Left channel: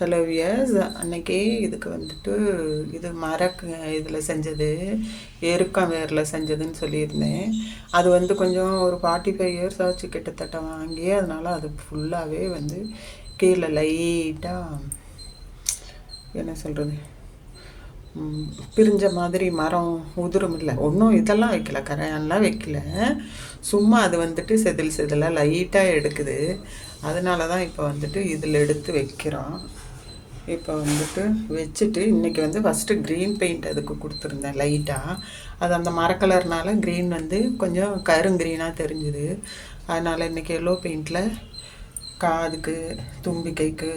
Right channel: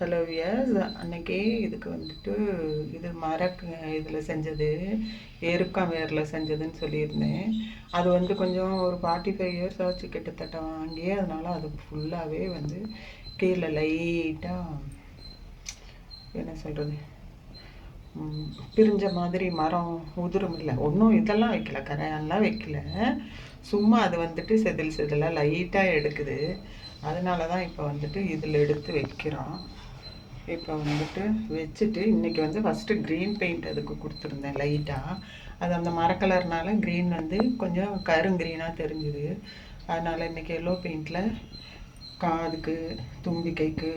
Hello wears, அன்னைக்கு இதுக்கு வந்துட்டு இது இதில் செஞ்சது எருக்கம் வேரில் செஞ்சதுன்னு சொல்லியிருந்தேன். அது வந்து கொஞ்சம் ஒரு 45 இயர்ஸ் ஆச்சு கிட்டத்தட்ட வாங்கி. அதனால் அது ஃபுல்லாகவே வந்து கீழே லைட்டாக என்ன சொல்கிறது, பிரிஞ்ச மாதிரி மரம் உதிரும் இல்லை. ஒன்றும் இதெல்லாம் வைக்கல, கரையான்லாம் வைக்கல, சும்மா அது வந்துட்டு செதிலாக லைட்டாக எடுக்குது. அதனால தான் இப்போ வந்துட்டு இதில் எடுத்து வைக்கிறோம். இப்போ வந்துட்டு வச்சுட்டு இன்றைக்கி வந்து ஃபஸ்ட்டு க்ரீன் பெயிண்ட் அதுக்கு கொடுத்துருந்தேன் லைட்டாக. அது அந்த மரக்கலர்னால க்ரீன் வந்து கொஞ்சம் கருங்க்ரீனாக தெரிஞ்சுது. அதனால் இன்றைக்கி எல்லோ பெயிண்டில் காதுக்கு, தும்பிக்கைக்கு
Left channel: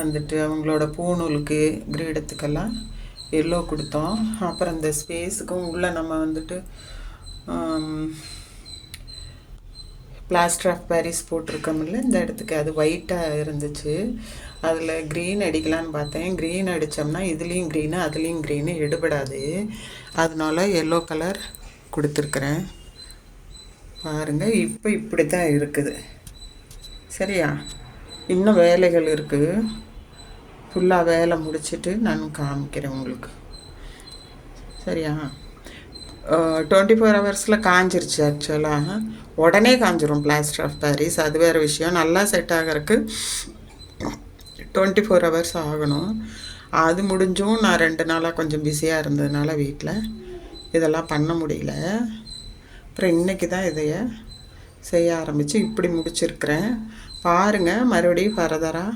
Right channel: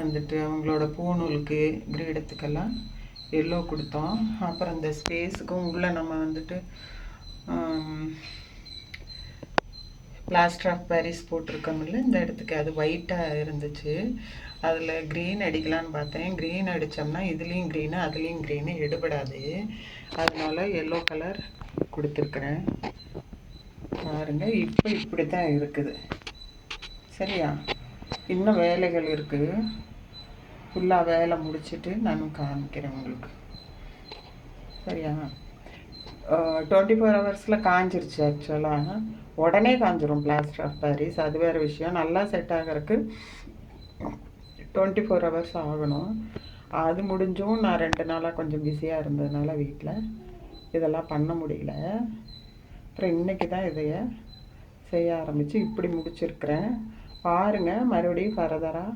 வந்துட்டு அவங்களோட பூநூலுக்கு, கிரீடத்துக்கெல்லாம் எல்லோ கொடுத்தோம். அப்புறம் இந்த ஸ்பேஸுக்கும் உள்ளே நம்ம வந்துட்டு பிளாஸ்டர் ஆஃப் பாரிஸ் போட்டிருக்கோம்ல இந்த இடத்துக்கு, அது ஒயிட்டாக இருந்துச்சு. அதில் க்ரீன் அடிக்கலான்னு பார்த்தேன். க்ரீன் அடித்தோம்னா இதுலேயும் க்ரீனு அதுலேயும் க்ரீனு எடுபடாது. அதனால எல்லோ கலர் கொடுத்துருக்குறேன். பாருங்கள், இப்போ இப்படி தான் இருக்குது. சரியா? இன்னும் வேலைகள் இருக்குது. ஃபுல்லாக வேலை முடிச்சுட்டு நானும் காமிக்கிறேன் உங்களுக்கு. சரியா? 24 ஹவர்ஸில் காஞ்சிருச்சு. ஆக்சுவலாக உடனே காஞ்சிரும் பிளாஸ்டர் ஆஃப் பாரிஸ். அது வேறு விஷயம். நல்லா செட் ஆகிறதுக்கு 24 ஹவர்ஸ் ஆகணும். அது முடிஞ்சும் நான் 2 நாளாக கொஞ்சம் பிஸியாக இருந்ததுனால வீட்டில் இதெல்லாம் பண்ண முடியல. அப்புறம் இன்றைக்கி தான் இதைய செய்ய ஆரம்பித்து இப்படி முடிச்சிருக்கிறேன். பாருங்கள், மறுபடியும் ஃபர்தராக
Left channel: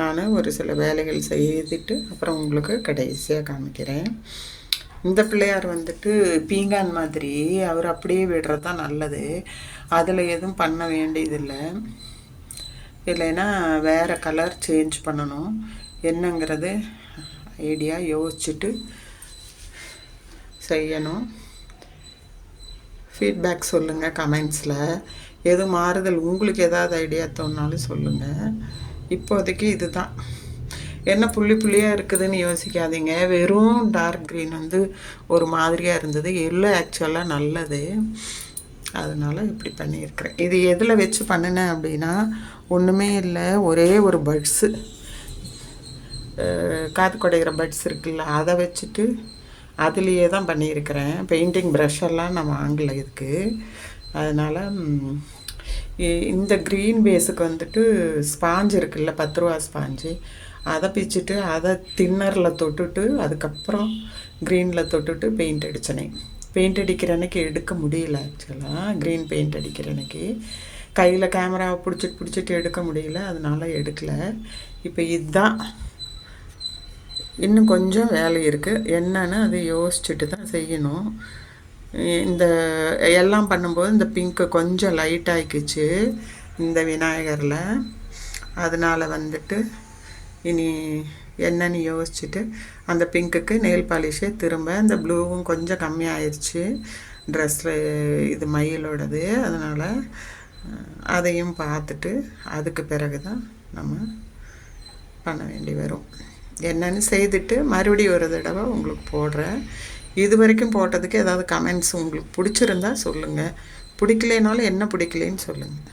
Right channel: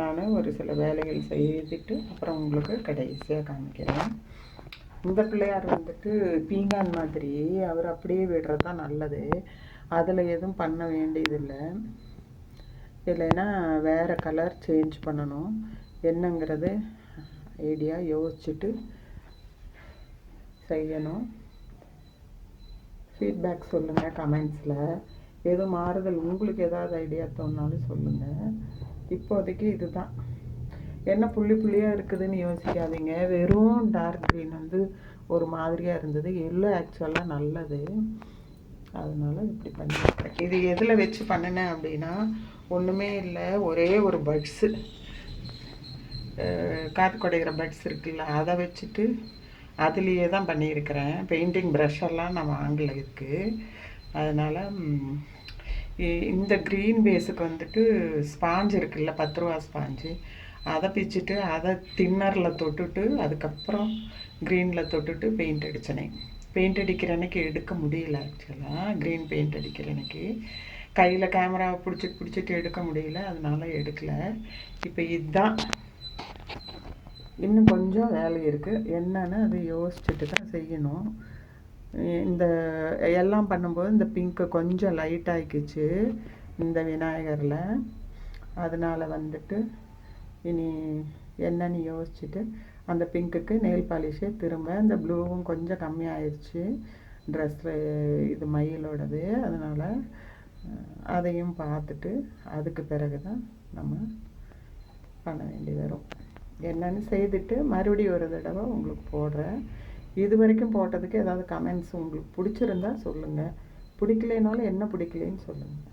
நான் ஒரு சில வேலைகள் செய்துட்டு அப்புறம் உங்களுக்கு கடைசியாக காமிக்கிறேன். இந்த பிள்ளையார் வந்துட்டு பீங்கான் மாதிரி, அவர் அப்படியே விடுறது தான் நல்லது. அதில் எதுவும் பண்ண வேண்டியதில்லை. இல்லைன்னா வேறு கலர் சேஞ்ச் பண்ணணும். என்னங்கிறது ஐடியா யோசிச்சுட்டு செய்யணும். ஃபீட்பேக் சொல்லுங்கள் கமெண்ட்ஸில். எது மாறுதல் உங்களுக்கு ஏதாவது ஐடியா தோணுனாலும் சொல்லுங்கள். இப்போதைக்கு இதுதான். என்ன புள்ளியாக இருக்குதுன்னு யோசிக்காதீங்க. வெறும் டார்க் க்ரீன் வந்து ஒரு மாதிரியாக இருந்தது. எல்லோ ஆக்சுவலாக நல்லது. அதனால் இப்படி பண்ணியிருக்கிறேன். இது எதில் வச்சு பண்ணினேன் அப்படின்னா, ஒன்றுமே இல்லை, ஒரே ஒரு பட்ஸு, காது குடைகிற பட்ஸ் இருக்குல்ல, அதை வச்சுட்டு அதுலேயே தான் பண்ணியிருக்கிறேன். பெயிண்டிங் ப்ரஷெல்லாம் நான் வாங்கலை இதுக்கு. அதனால் இந்த க்ரீன் பேஸுக்கு வந்துட்டு ஸ்பாஞ்சு இருக்குல்ல, 10 ரூபா ஸ்பாஞ்சு, அதை பிச்சுட்டு அதை தின்னரில் தொட்டுட்டு அதுக்கப்புறம் க்ரீனில் தொட்டுட்டு பெயிண்ட் அடித்தனேன். பெயிண்ட் அடிக்கிற அன்றைக்கி எடுக்க முடியல. ஆக்சுவலாக க்ரீன் பெயிண்ட் அடிக்கிற அன்றைக்கி கையில் கேமராவை பிடிச்சிட்டு எடுக்க முடியல. அதனால் எடுக்கலை. இப்போ இதுதான். இன்னும் கொஞ்சம் வேலை இருக்குது. என்னன்னு அதை யோசிச்சுட்டு தான் செய்யணும். இந்த எல்லாம் பண்ணும்போது இந்த பிங்க்கு கொஞ்சம் லைட் ஆகிக்குச்சு இந்த விநாயகரில். அதனால் வந்துட்டு இனி என்னன்னு யோசிச்சுட்டு அந்த பிங்க்குக்கு நெயில் பாலிஷே திரும்ப, இந்த ப்ளூவும் கொஞ்சம் கம்மியாயிருச்சு ட்ரெஸ்ஸில், இது மயிலோடது. அதனால் அதையும் பார்த்துட்டு அதுக்கு பிறகு தான் நம்ம பண்ண வேண்டி வரும். என்னென்னு செய்துட்டு மறுபடியும் ஒரு தடவை உங்களுக்கு போடுறேன். இது வரைக்கும் போட்டதுக்கு ஏதாவது கமெண்ட்ஸ் உங்களுக்கு பிடிச்சிருந்தா சொல்லுங்கள். பிடிக்கலைனாலும் என்ன பிடிக்கலைன்னு சொல்லுங்கள்.